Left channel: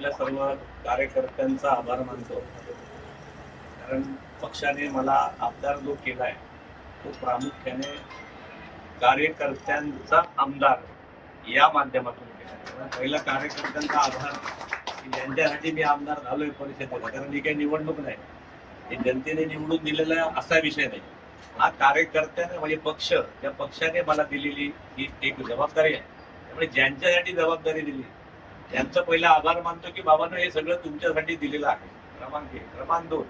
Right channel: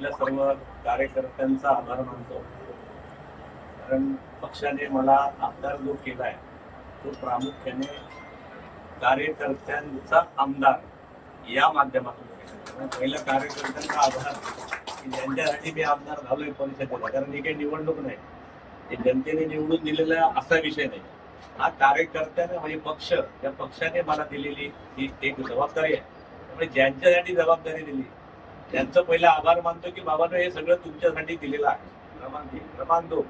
आपल्या सर्व कार्यकर्त्यांचा आभार मानतो. कारण पक्षाने मला आमदार जो केलाय तो प्रामुख्याने कार्यकर्त्यांचा आमदार या माध्यमातून केला. कारण पहिला कार्यकर्त्यांचा आधार की ज्यांच्यासाठी मी आमदार झालोय परिषदेला, कारण ही काही निवडणूक नाही, हे जनतेने निवडून दिलेला असा विषय नाही. हा कार्यकर्त्याने म्हणजे पक्ष, त्या पक्षाने मला दिलेली ही एक जबाबदारी आहे. त्यामुळे ज्यांच्यासाठी जबाबदारी दिली त्यांचं पहिला आभार मानतो की बाबांनो हे सगळं तुमच्यासाठी दिलेलं आहे. क्रमांक एक. क्रमांक दोन,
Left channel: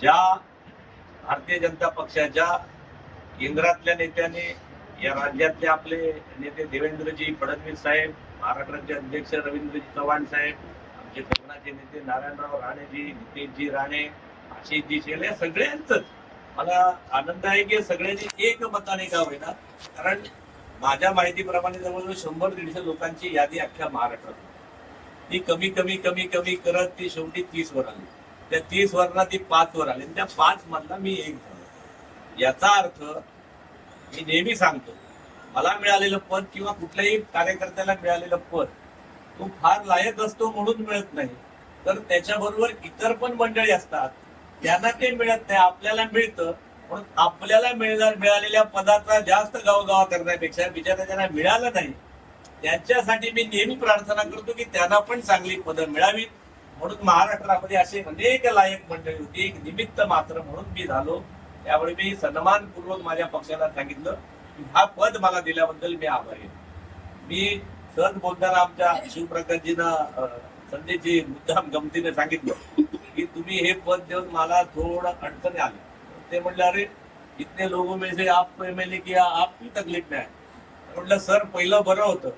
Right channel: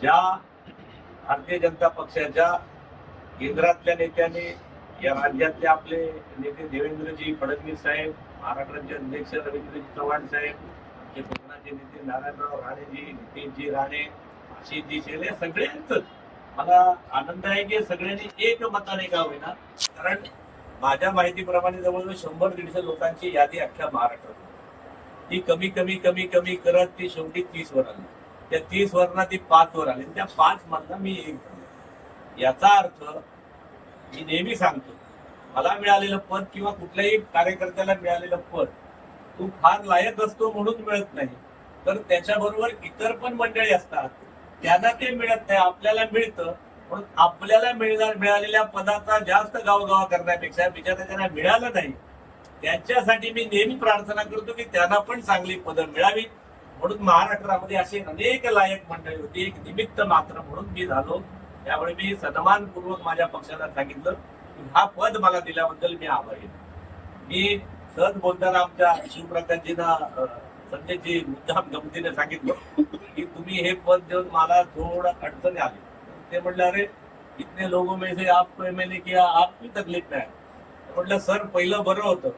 ज्या भारतीय जनता पक्षाच्या केंद्रातल्या नेत्यांनी, या राज्यातले आपले नेते देवेंद्रजी फडणवीस साहेब, महाराष्ट्राचे अध्यक्ष रवींद्रजी चव्हाण साहेब, आमचे कोकणाचे नेते नारायणराव राणेजी, नितेशजी राणे, आशिषजी शेले, सगळ्यांच मला आनंद आहे की सगळ्यांनी एक मताने का होईना, कारण माझ्या माहितीप्रमाणे जवळजवळ 100-150 लोकांची यादी अख्ख्या महाराष्ट्रात ती कमी कमी कमी कमी करत ती शेवटी 30 वर आली. त्या 30 वरना ती 5 वर आली. त्या 5 मधला मी एक झालो. याचा अर्थ मी नेहमी सांगतो, मला मिळालेलं पद किंवा कुठल्याही कार्यकर्त्याला मिळालेलं पद तो फार लायक असतो म्हणून मिळत नाही, तर त्याच्याबरोबर इतर पण मंडळी असतात, त्यांना ते मिळत नाही, आपल्याला मिळतं. म्हणून आपल्याला मिळालेल्या पदाचा जास्त गावगावा करण्यापेक्षा बिचारा त्यांना मिळालं नाही त्यांच्यासाठी मी नेहमी प्रार्थना करतो की त्यांना पण चांगली पदं मिळावी. म्हणून महाराष्ट्रामध्ये असे अनेक लायक मंडळी होती, एक निमित्त मात्र म्हणून मी झालो. त्यामुळे मी सन्मानपूर्वक माझ्या पक्षाला सांगितलं की हा पद मला दिल्याबद्दल मी आभारी आहे. मी सहज बोलताना आमच्या शिवप्रकाशजींना संजयजी मुद्दाम गमतीने सांगितलं की तुम्ही हे पद देऊन मला थोडं अडचणी आली. ते म्हटलं अरे इतने लोगों में से आपको एमएलए किया, आपकी तकलीफ नाही. म्हटलं सर पहिलं बरं होतं,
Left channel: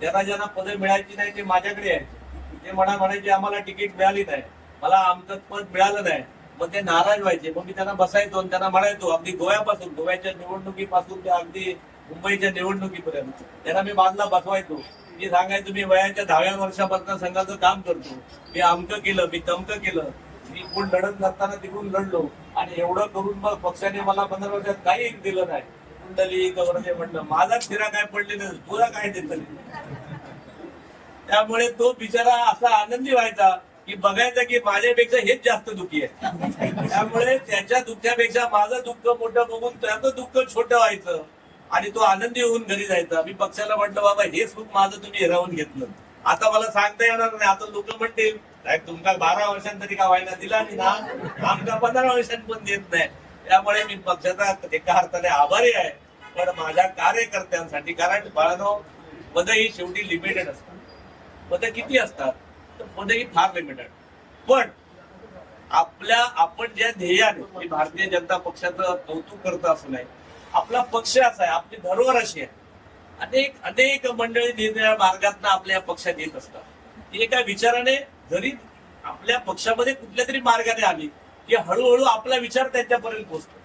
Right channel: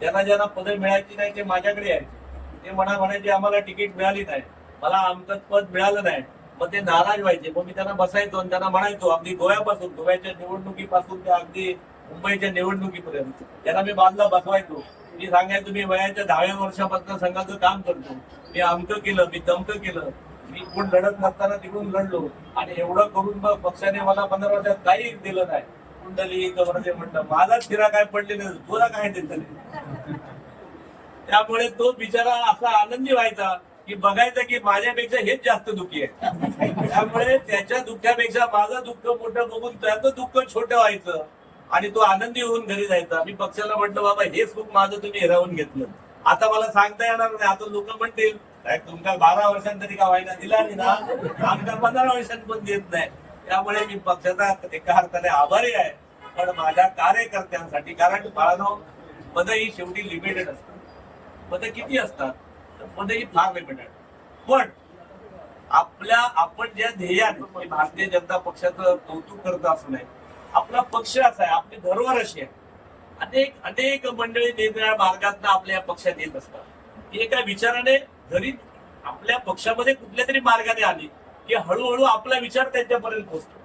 ज्यांना ज्यांना पदं मिळायची नाही ते माझ्याकडे यायचे, ते म्हणायचे आम्हाला तिकीट मिळाली नाही, मला आमचं पद मिळालं नाही, मग ते नाराज व्हायचे. मग मी त्यांना बसायचो आणि त्यांना म्हणायचो, अगदी गोव्याच्या निवडणुकीपासून ते अगदी मुंबईच्या निवडणुकीपर्यंत त्यांना मी बाजूला बसवायचो. मी सांगायचो मी वयाच्या 10व्या वर्षापासून संघाचं काम करतो, मी अमकं केलं, मी तमकं केलं, मी कोण लढत नसताना तिकडून लढलो, आणि एवढं करून मग पक्षाने मला 15 वर्षात काही दिलं नाही. कुंडली कवरते म्हणलं, माझाच फिरा काय पडले नाही, तुला काय देत. त्यामुळे तो बिचारा असा आनंदी व्हायचा की बघायचा की माझ्यापेक्षा हेच जास्त दुःखी आहे. त्यामुळे त्याच्या दुःखापेक्षा माझं दुःख मोठं बघून त्याचं दुःख छोटं व्हायचं आणि तो आनंदी होऊन घरी जायचा. मी पक्षाला म्हटलं बाबा हे सुख माझं तुम्ही हिरावून घेतलं, आता मला सांगता येणार नाही. आता लोक म्हणतील तुमका 12 वर्षांतरी का व्हायला दिला नाही ना, आमच्या 15 वर्षांत पण देत नाही. त्यामुळे मी पक्षाचा एका अर्थाने आभारी आहे, पण माझ्या कार्यकर्त्यांसाठी. कारण बाळानो, पद ही शेवटी लिमिटेड असतात. पद किती असतात तर पद ही फार लिमिटेड. पण आपण ज्या ध्येयाने भारतीय जनता पक्षाचं कौतुक करतो असं नाही, आपला पक्ष असा आहे, आपली धरोहर अशी आहे. अनेक मंडळी निरनिराळ्या मार्गातून आपल्या पक्षात येत असतात. एका विचाराने जरी आपल्या पक्षामध्ये कुठल्या तरी मार्गाने आली की हळूहळू आपला विचार त्यांच्यापर्यंत पोहोचतो.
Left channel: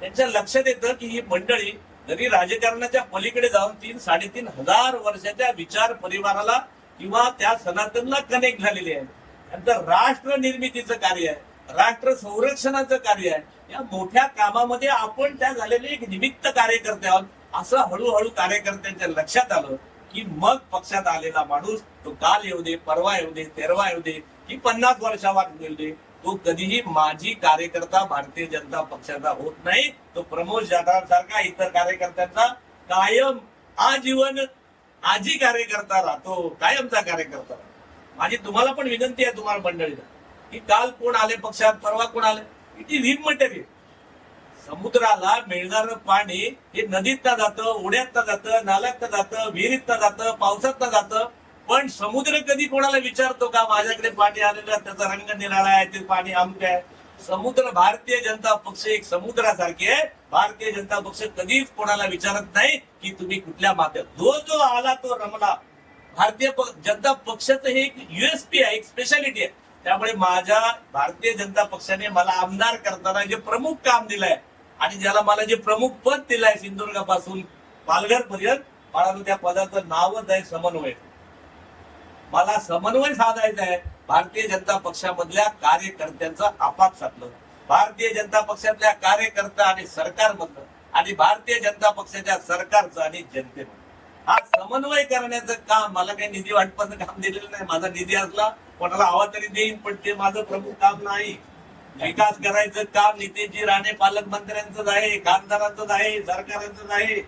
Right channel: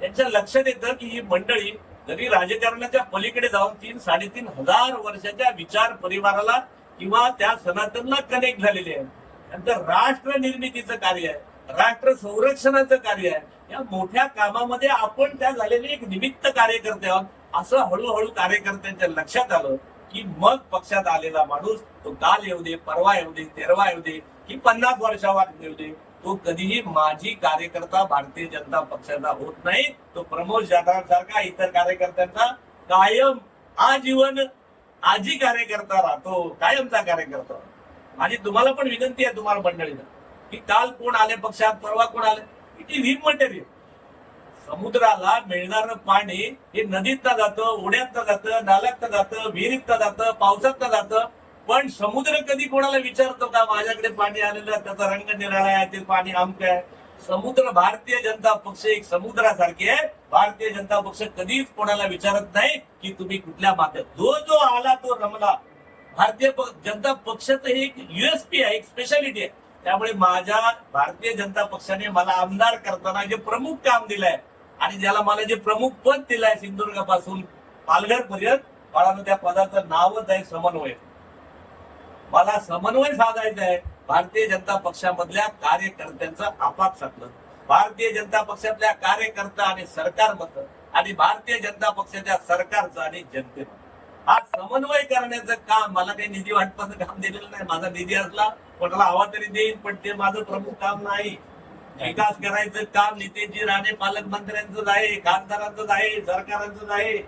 त्यांच्या लक्षात येतं की ही मंडळी जरी राजकारणाच्या पलीकडे जाऊन 3-3.5 हजार वर्षाच्या विचार परिवाराला किंवा त्या सनातनला कनेक्ट झालेले आहे. त्यांचं राष्ट्र निर्मितीचं कार्य आहे, राष्ट्र संरक्षणाचं कार्य आहे. या मोठ्या कामामध्ये आपण त्या झालेले एक निमित्त कार्यकर्ते आहोत. असं हळूहळू कार्यकर्त्यांच्या लक्षात आलं की मग पक्षात आलेला माणूस तो काल येऊ दे, परवा येऊ दे, 13 येऊ दे की 50 वर्षावर येऊ दे, तो कधीही माजी कार्यकर्ता भारतीय जनता पक्षाचा होत नाही. तो प्रमोद जाधव सारखा इतर कार्यकर्त्यांचा कायम आजीवन आजी कार्यकर्ता राहतो, कायमचा कार्यकर्ता. माझी तुम्हाला पण विनंती आहे, तुम्हाला मंडळीला, की काल कोण आले पक्षात, परवा कोण आले, इट इज इमटेरियल. समुद्राला मिळणारं पाणी हे नदीतनं जातं, ओढ्यातनं जातं, नाल्यातनं जातं, विहिरीतनं जातं, पावसातनं जातं. पण समुद्र कधी कोणाला विचारतो का माझ्याकडे पाणी आलेलं, त्याचा रंग निराळा आहे, ते पाणी आमचं आहे? समुद्र, भारतीय जनता पक्ष एक समुद्रासारखे आहे. भारतीय जनता पक्ष कधीच कोणाला विचारत नाही की तुम्ही कुठल्या माध्यमात, जो आला तो रमला. भारतीय जनता पक्षाचं हे एक युएसपी आहे, एक स्पेशालिटी आहे. त्यामुळे माझ्या भारतीय जनता पक्षाने मला आमदार करताना जे प्रमुख काम दिलंय आणि ज्याला मला जे प्रमुख पद दिलंय सिंधुदुर्गापासून पालघर पर्यंत, मला त्या पदाचं नावच आहे समन्वय. मला समन्वय साधायचा आहे भारतीय जनता पक्षामधल्या कार्यकर्त्यांचं आपापसातलं, भारतीय जनता पक्षातल्या कार्यकर्ता आणि सरकारमधलं, आणि भारतीय जनता पक्षाच्या सरकारचं आणि जनतेचं. हा समन्वय करण्याचं काम मला काही निधी वाटपाचं काम दिलेलं नाही. माझा निधी असला कोणाला हवा तरी देईन, पण ते माझं प्रमुख काम नाही. विकास करायचं काम नितेशजी राणे पालकमंत्र्यांचंच आहे, खासदारांचंच आहे, सरकारांचंच आहे.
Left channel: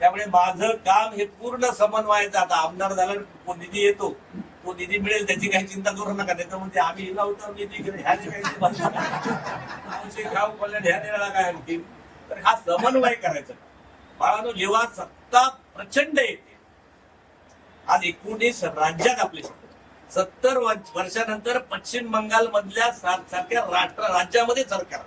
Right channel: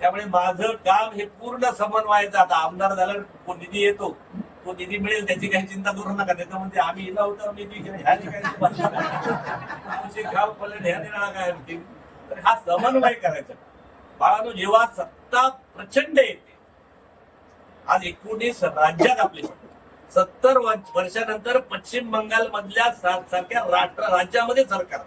त्यामुळे माझं काम हे पूर्ण समन्वयाचं. आता आमदार झालं, निधी येतो, तो निधी मिळेल त्याची काही चिंता करू नका. त्याचं म्हणजे आम्ही हिला होतो निधी ह्याची काही काय होतील. तर हा समन्वय करायचा. बाळांनो, जेव्हा सत्ता प्रचंड येते, आज 19 राज्यात आपली 70 वर्षानंतर पश्चिम बंगाल मधल्या सारख्या राज्यामध्ये सरकार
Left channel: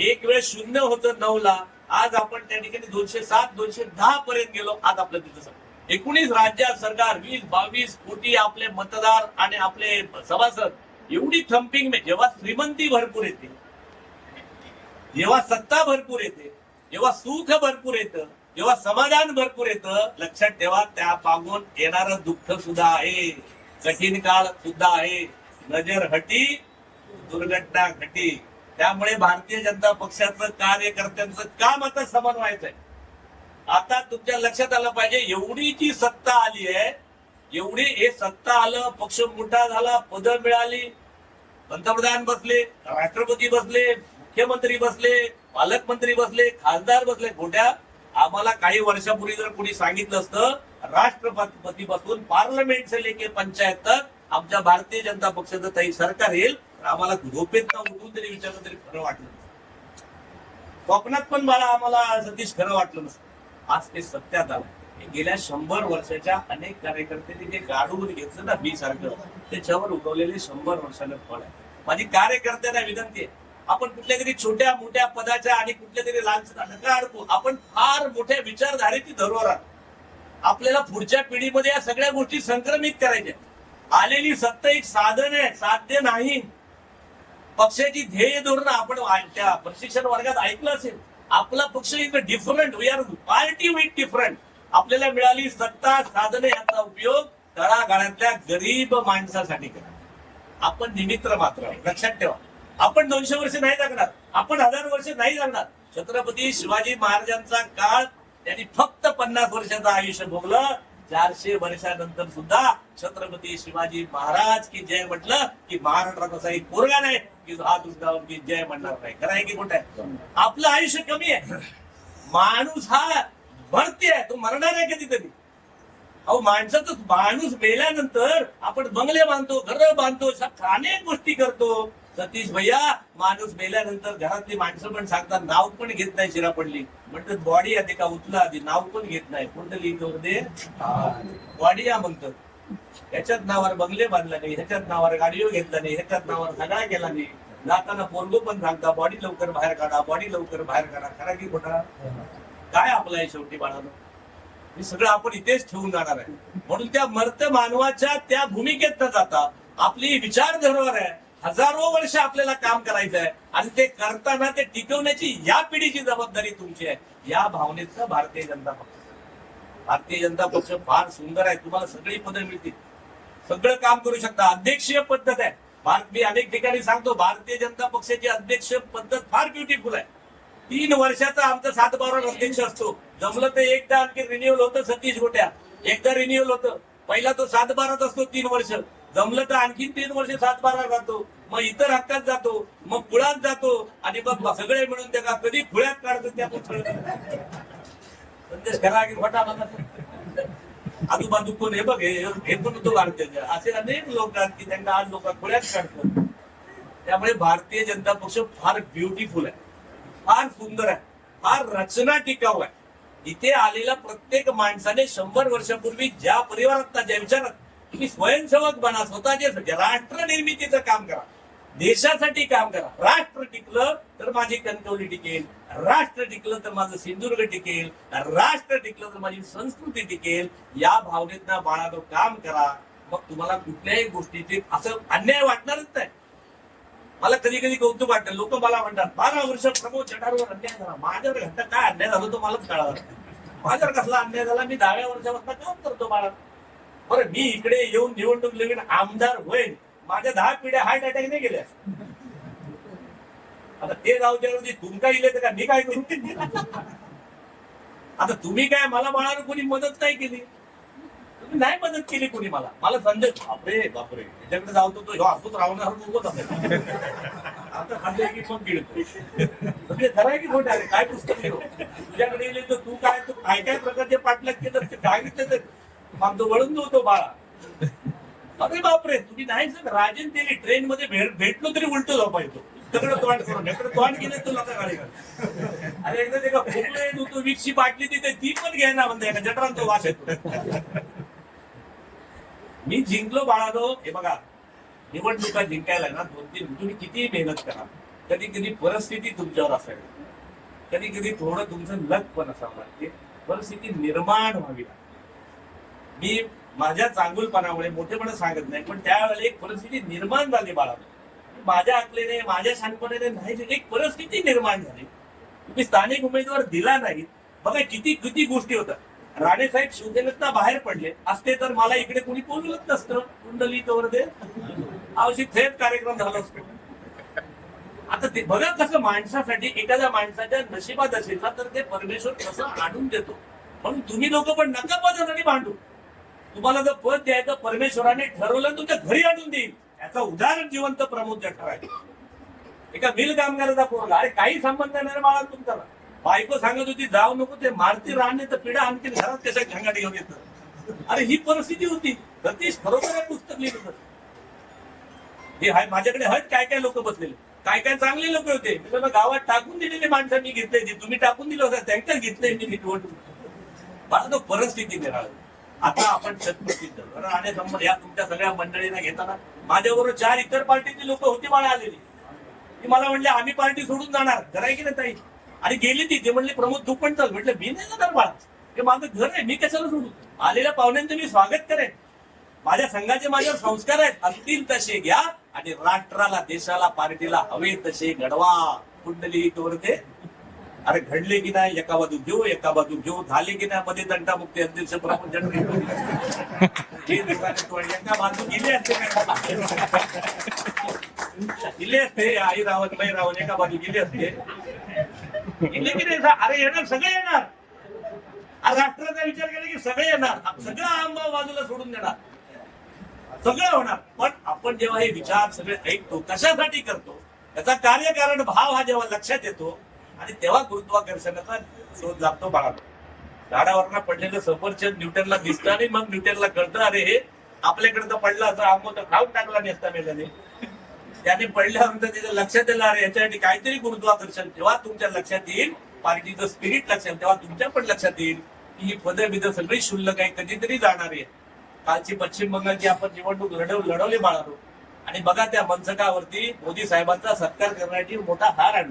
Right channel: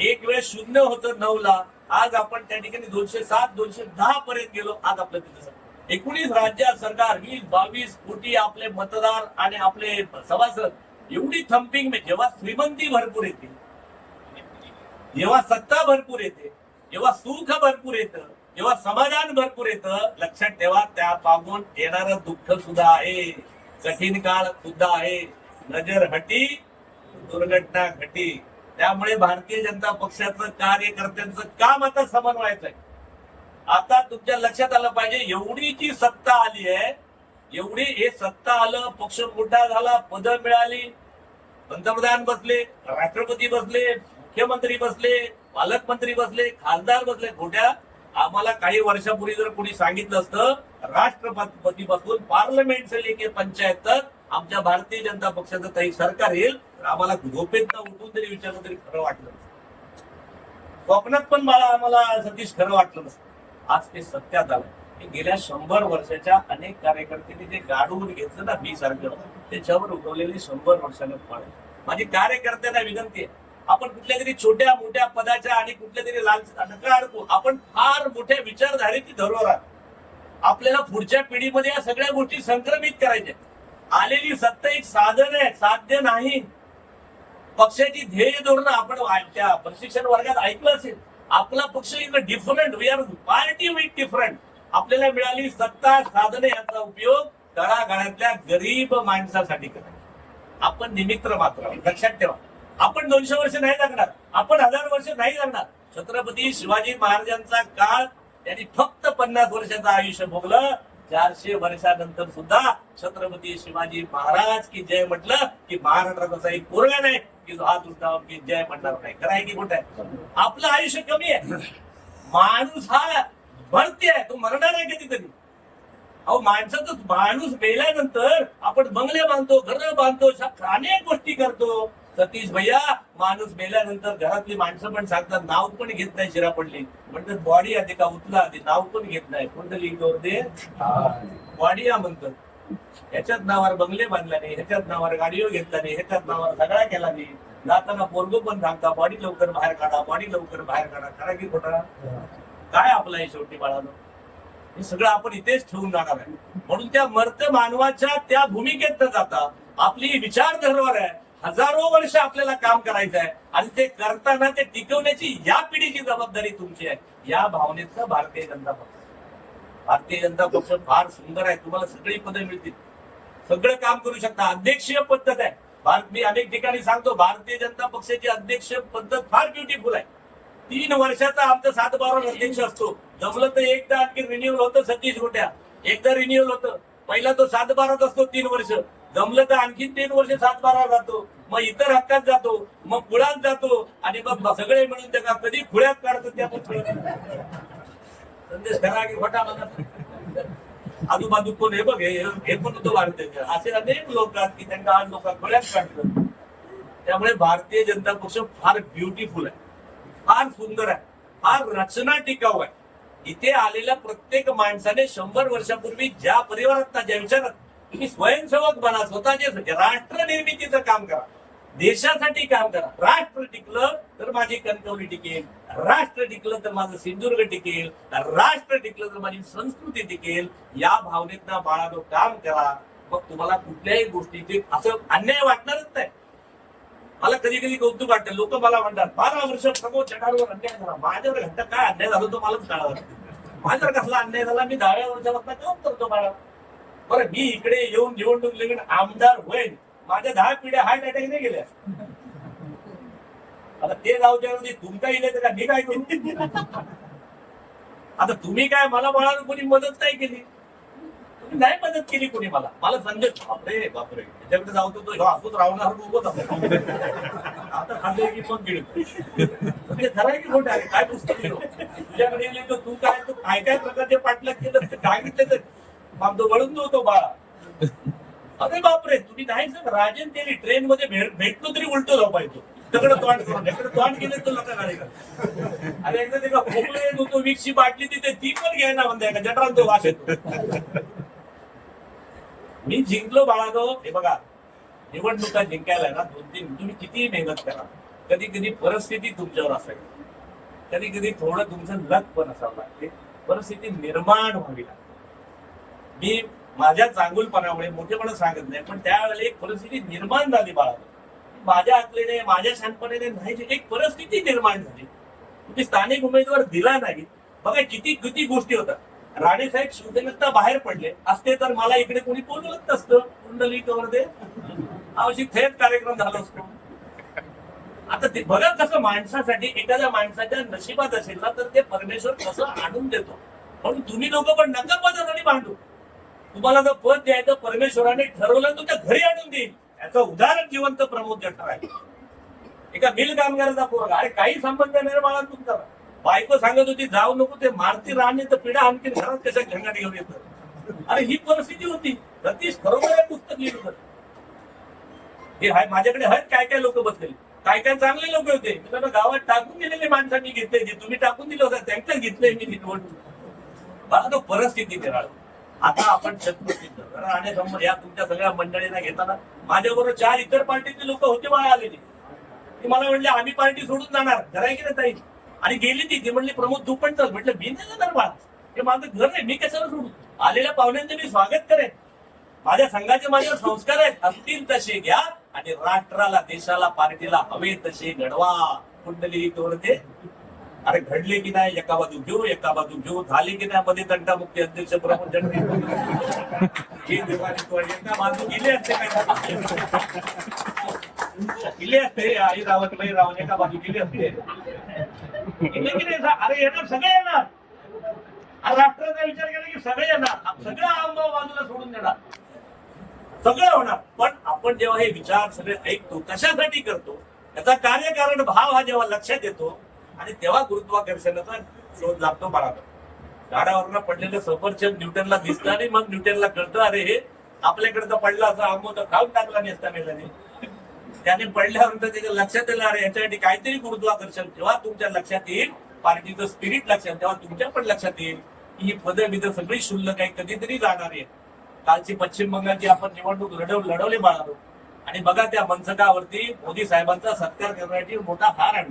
एक वेळ शून्य होतं 9 ला, आज आपण त्या ठिकाणी 207 210 पर्यंत गेलो. आज आपलं तिथं 19 राज्यात सरकार, 20-22 कोटी आपले मतदार आणि आपले सभासद, एवढी थम्पिंग. जेव्हा श्रीमंती भरपूर येते, जेव्हा सत्ता भरपूर येते, जेव्हा सुख भरपूर येतं, जेव्हा समाधान भरपूर येतं, लक्षात ठेवा त्या मागून येणारं दुःख सुद्धा आहे, कठीण काळ सुद्धा आहे. नजर हटी दुर्घटना घटी. त्यामुळे भारतीय जनता पक्षाचं कार्यकर्त्यांचं काम आता समन्वयाचं आहे. आता तुमच्या लक्षात आलं पाहिजे, एवढी जी सत्ता आली आहे, एवढी हे सत्ता आलं, पक्ष मोठा झाला, पद मिळाली, पंतप्रधान बसले, राष्ट्रपती बसले, मुख्यमंत्री बसले, पालकमंत्री बसले, खासदार बसले. खोट्या आम्हाला काही वर्षापूर्वी जर कोणी सांगितलं असतं राष्ट्रपती पासून पार्लमेंट से लेके पंचायत तक आमच्या भारतीय जनता पक्षाचं काही सरकार येईल, तर आम्हाला झोपेत उठून तरी विचारलं तरी खरं वाटलं नसतं. स्वप्नात पण आम्हाला सतीश खरं वाटलं नसतं. आज ते सत्यात आलं. गेल्या 100 वर्षाच्या अनेक कार्यकर्त्यांनी ते गाडून घेतलं ना, मी सारखं त्याच्यावर उगवलेले 100 वर्षानं फळ आहे. माझी कार्यकर्त्यांना विनंती आहे, आपण कुठल्या तरी छोट्या मोठ्या पदाच्या आणि कुठल्या तरी नका अडकू. आपण फार मोठ्या विचारधारेची धरोहर आहात. आपल्याला पुढच्या पिढीमध्ये या सगळ्या गोष्टी संक्रमित करायच्या. आलेली सत्ता एक साधन आहे, साध्य नाही. पक्षाची ध्येय धोरणं आपण त्या प्रशिक्षण वर्गात ऐकलं असेल. आपला पक्ष is different, we are party with different. आपल्याला मिळाली सत्ता साधने, याचा उपयोग तळागाळातल्या गरीब माणसासाठी करा. आपण निमित्त मात्र. लक्षात ठेवा, आपण 200 वर्ष नाही जगणार, आपण 1000 वर्ष नाही जगणार. छत्रपती शिवाजी महाराजांचा काळ त्यांनी फक्त 50 वर्षाचं आयुष्य भोगलं. 400 वर्षानंतर सुद्धा छत्रपती शिवाजी महाराज की जय म्हटलं की महाराष्ट्रात असा एक पोरगा नाही की जो हात उठवून की जय म्हणणार नाही. खरं आहे की खोटं आहे? आपलं आयुष्य कमी आहे. माणूस हा भरती आहे, तो मरणार आहे कधीतरी. अहो, माणसाचं माणूस मेल्यानंतर आपण बंगले बांधतो, घर बांधतो, अनेक गोष्टी करतो. सतीश भैया, माणूस मेल्यानंतर घरातली माणसं पण सांगतात, नाव पण घेत नाही, शिरा पडली म्हणतात, बॉडी आधी का उचला आधी, नाव पण घेत नाही. कुंडली दे बॉडी या म्हणतात. ह्याच्यात नावावर बंगले बांधला नाही, ह्याच्यात नावावर गाडीवर घेतला नाही, ह्याच्यात नावावर सगळा केला नाही. जाताना पोरगो पण सांगता, बॉडी लवकर बाहेर काढा, बॉडी लवकर बाहेर काढा. खरा की खोटा? काय आपलं आहे शेवटी बाळानं? हे सगळं आपण इथेच ठेवून जाणार आहे. म्हणून त्या मर्त मानवाच्या त्या भूमिकेत न जाता आपली विचार धरोहर आहे. हजारो वर्ष आपल्याला काम करायचं आहे आणि ते करताना ते टिकवण्याची या पिढीची जबाबदारी तुमची आहे. या भावनेचं भारतीय जनता पक्ष फार सुंदर आहे. तुम्हाला सगळी पदं मिळतील, सगळं काम करू शकता. अध्यक्षीय पद्धत आहे. मी अनेक ठिकाणी सांगतो, भारतीय जनता पक्षाची अध्यक्ष पद्धत फार ब्युटिफुल आहे. 3 वर्षाचा आमचा 7-12 अध्यक्ष असतो. जमलं तर एकदा आणखी रिन्युअल होतं. सतीश गोट्या एकदा रिन्युअल होतं. पहिला तो 7-12 असतो 3 वर्ष. जमलं तर आणखी 3 वर्ष 7-12 जातो. मग इतर हक्कात जातो, मग कुळात जातो आणि मग सगळे मिळून त्या कधी खुळ्यात काढतो. त्या संदेश खरा की खोटा म्हणा. आजूबाजू कोण हे बघ, हे पण होतो भारतीय. असे अनेक लोक आहेत की त्यांना आज लोक खुळ्यात काढतात. त्यामुळे भारतीय जनता पक्ष फार ब्युटिफुल आहे, फार सुंदर आहे, फार रचना टिकाऊ आहे. इथे आलेल्या प्रत्येक माणसाने 100 वर्षापूर्वी ज्या परिवारात, ज्या विचारात तुम्ही स्वयंसेवक बना, स्वतःचे राष्ट्र निर्मितीचं काम करा, देशासाठी काम करा. राष्ट्र टिकलं तर माझी कणकवली टिकेल, राष्ट्र टिकलं तर माझं सिंधुदुर्ग टिकेल, राष्ट्र टिकलं तर माझी संस्कृती टिकेल. या भावनेतनं बाळानं काम करा. मग तुम्हाला कुठल्याही गोष्टीचे असं अन्याय वाटणारच नाही. मला कधी कधी कौतुक वाटतं. लोक मला म्हणतात 12 वर्ष प्रमोद चढावर अन्याय झाला. माझ्यावर घंटा काय अन्याय झाला तो मलाच कळावा. माझ्यावर कसला अन्याय झाला? मी 10व्या वर्षापासून काम करतो बाळा. बरं, मी इकडे येऊन निवडणूक लगेच आमदार होईल, माझ्या 10 पिढ्या हार्ट अटॅक नाही गेल्या. आता ते जाऊच्यावरती तुमका इले तर का मी काय करू? आता तुम्ही काय मला बाळानं कोणी मदत नाही केली. नाही मदत केली कोणी मला संजय बापरे बापरे त्याच्याकडे जाऊ तो ह्यो असंच राहणार नको तसं आता खाल्लंय की मग गिळतो म्हणजे खरं आहे की खोटं आहे काय पुस्तक लिहिलं तुझ्याकडे लिहिलं तू काय काय प्रकारचे पाठलाग केलं ते काय घेतलं तर मग तो वळून होतो बाळा अरे बापरे तुम्ही नाही सर राजन त्यांनी ट्रेन मध्ये भेटलो तरी उलटो झोपायचो सगळं तोंड करून इकडे तोंड गेले तो लोक गाडी अरे एकदा ते का खोकला येत होतो विकशी बाटली तिथे ती पण घ्यायना म्हणते का जटरान तो वाश येतो मी जिंकलो बाळानो हे बघा निवडणुका जिंकायला ना 2-3 तुम्ही कितीही मेहनत करा कधी कधी परिस्थिती तुमच्यावर असावी कधी कधी थोडं तुमचं लक पण असावं लागते परिस्थिती निर्माण व्हावी लागते मी माझ्या चांगुलपणामुळे मोठेपणा सांगत नाही पण त्यावेळेला एक परिस्थिती निर्माण झाली बाळानो माझ्या अकलेने माझ्या शानपणाने नाही एक परिस्थिती निर्माण झाली तुम्ही स्थानिक उमेदवार दिला नाही बघा किती किती गोष्टी होतात राणेसाहेब शिवसेनेत बाहेर पडले असते तर मला इकडे कोणी बोलवत नसतं कुंडली कवर दे आवश्यक थेट कार्यक्रम झाला असतो आता ते बघा कसं माणसासाठी एखाद्या माणसाच्या नशिबात असेल ना तर ते परमेश्वर कसं आणून देतो म्हणून तुम्ही लोक पण नका पदासाठी भांडू तुम्हाला जर पद द्यायचं परमेश्वराने ठरवलं तुमच्या घरी आणून देईल याचं उदाहरण जिवंत प्रमोद जठार आहे एका मिल कामगाराचा पोरगा अरे काही संबंध नाही बाळा तुमचा बायको सांगत होती जाऊ नको ते मारती राहणे तर पिढा आणखी घरात कशा झंगाट घेऊन येतं अरे ही परिस्थिती होती सतीश खरोखर पुस्तक लिहिलं होतं हे हाय माझ्याकडे आहेत काय काय लोक बसलेले काय काय चांगले लोक होते त्यांना गावात टाकून दिलेले माणसं मी घेतले जे तुम्ही टाकून दिलं होतं त्यांच्याच घेतले मी निवडणूक मला तो परिस्थिती निराळ आता आपण शतप्रसिद्ध राहण्यासंबंध या तुमच्या सगळ्या मंडळींना घेताना माझ्याबरोबर 4 इतर पार्टीचे लोक होते मला आलेली ती मला म्हणले आम्ही पार्टी सोडून जाणार कराय की नाही ताई आणि गेली ती म्हणले प्रमोद तू पण चल म्हटलं मी नाही जाणार बाळा हे माझं घर आहे मी कशाला सोडू आलेल्या पाहुण्यांचे मी स्वागत करेन माझ्या संघाचे माझ्यावर संस्कार आहेत असतील तसे घ्या आणि राष्ट्राला देशाला पार्टीला हवे तसे घडवा कुंडली ते अरे घडले की नाही एका बाजू घेऊ झाले की नाही मध्ये तंटामुक्ती अध्यक्ष प्रमोद एका बाजू गेले असते काय गेले असते आई रावत नाही रावत एका बाजू गेले असते गेले की नाही अरे येणार सगळे येणार राष्ट्राचा विचार केला की सगळे येणार सगळं आंबा बाजूला सोडून देणार सगळं होणार पण आपण जेव्हा हे विचार सगळे ऐकतो कशासाठी करतो याचा कार्यकारण भाव हा जेव्हा लक्षात येतो आणि तेव्हा गुरुत्वाकर्षणाचा शोध लागतो बाळाला झाडावरनं पडलेलं सफरचंद न्यूटनला दिसतं आणि मग न्यूटनला कळतं अरे हे आपल्याकडे तर पडला असं आंबो तर खाऊन टाकला नसता मेल्याने त्याने पडल्यानंतर त्याच्या लक्षात येईल अरे याच्यासाठी काहीतरी गुरुत्वाकर्षण जेव्हा तुमच्या लक्षात येईल पार्टीचं स्पिरिट लक्षात तेव्हा तुमच्या पण लक्षात येईल की ही पदं बिदं सगळी शुल्लक आहे कधीतरी जाणार आहे कालची पश्चिम बंगालची आपण निवडणूक लढवली बाळालो आणि बघा त्या मंचकावरती मोदी साहेबांचा सत्कार करण्यासाठी मोठा हार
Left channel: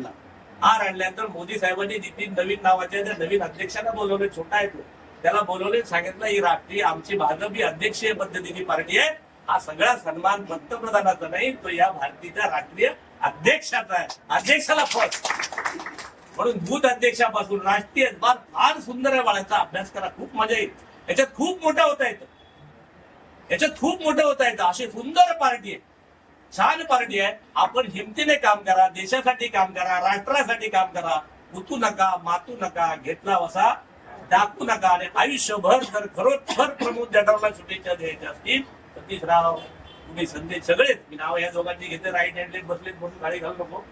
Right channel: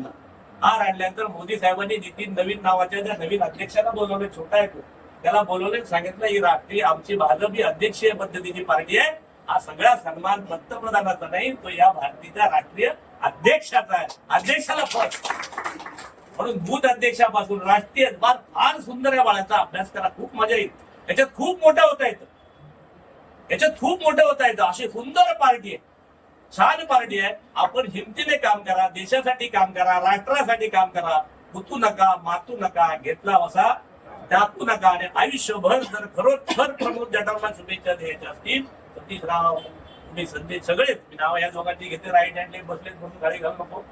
आणल्यानंतर मोदी साहेबांनी नितीन नवीन नावाच्या त्या नवीन अध्यक्षाला बोलवले छोटा येतो त्याला बोलवले सांगितलं ही राष्ट्रीय आमची भाजप ही अध्यक्षीय पद्धतीची पार्टी आहे हा सगळा सन्मान पंतप्रधानाचा नाही तो या भारतीच्या राष्ट्रीय अध्यक्षाचा आहे अध्यक्षाला म्हणून बूथ अध्यक्षापासून राष्ट्रीय फार सुंदर आहे बाळाचा अभ्यास करा खूप मजा येईल याच्यात खूप मोठं होता येतं अशी सुंदर पार्टी आहे छान पार्टी आहे आपण हिमतीने काम करा देशासाठी काम करा राष्ट्रासाठी काम करा गुतू नका मातू नका घेतला वसा टाकू नका आणि आयुष्यभर जर खरोखर प्रमोद जठारला शुभेच्छा द्यायच्या असतील सतीश राव तुम्ही संदेश सगळेच मी नाव या दोघांची घेते राईट हँड बसले म्हणून गाडी घालू नको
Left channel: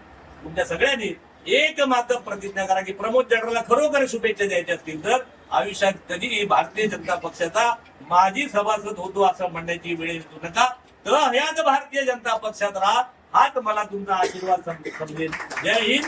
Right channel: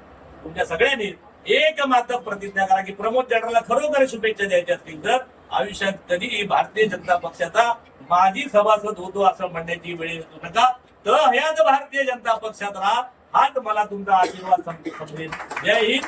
तुमच्या सगळ्यांनी एक मात्र प्रतिज्ञा करा की प्रमोद जठारला खरोखर शुभेच्छा द्यायच्या असतील तर आयुष्यात कधीही भारतीय जनता पक्षाचा माजी सभासद होतो असं म्हणण्याची वेळ येऊ नका तर ह्याच भारतीय जनता पक्षात राहा हाच मला तुमचा आशीर्वाद समजेल जय हिंद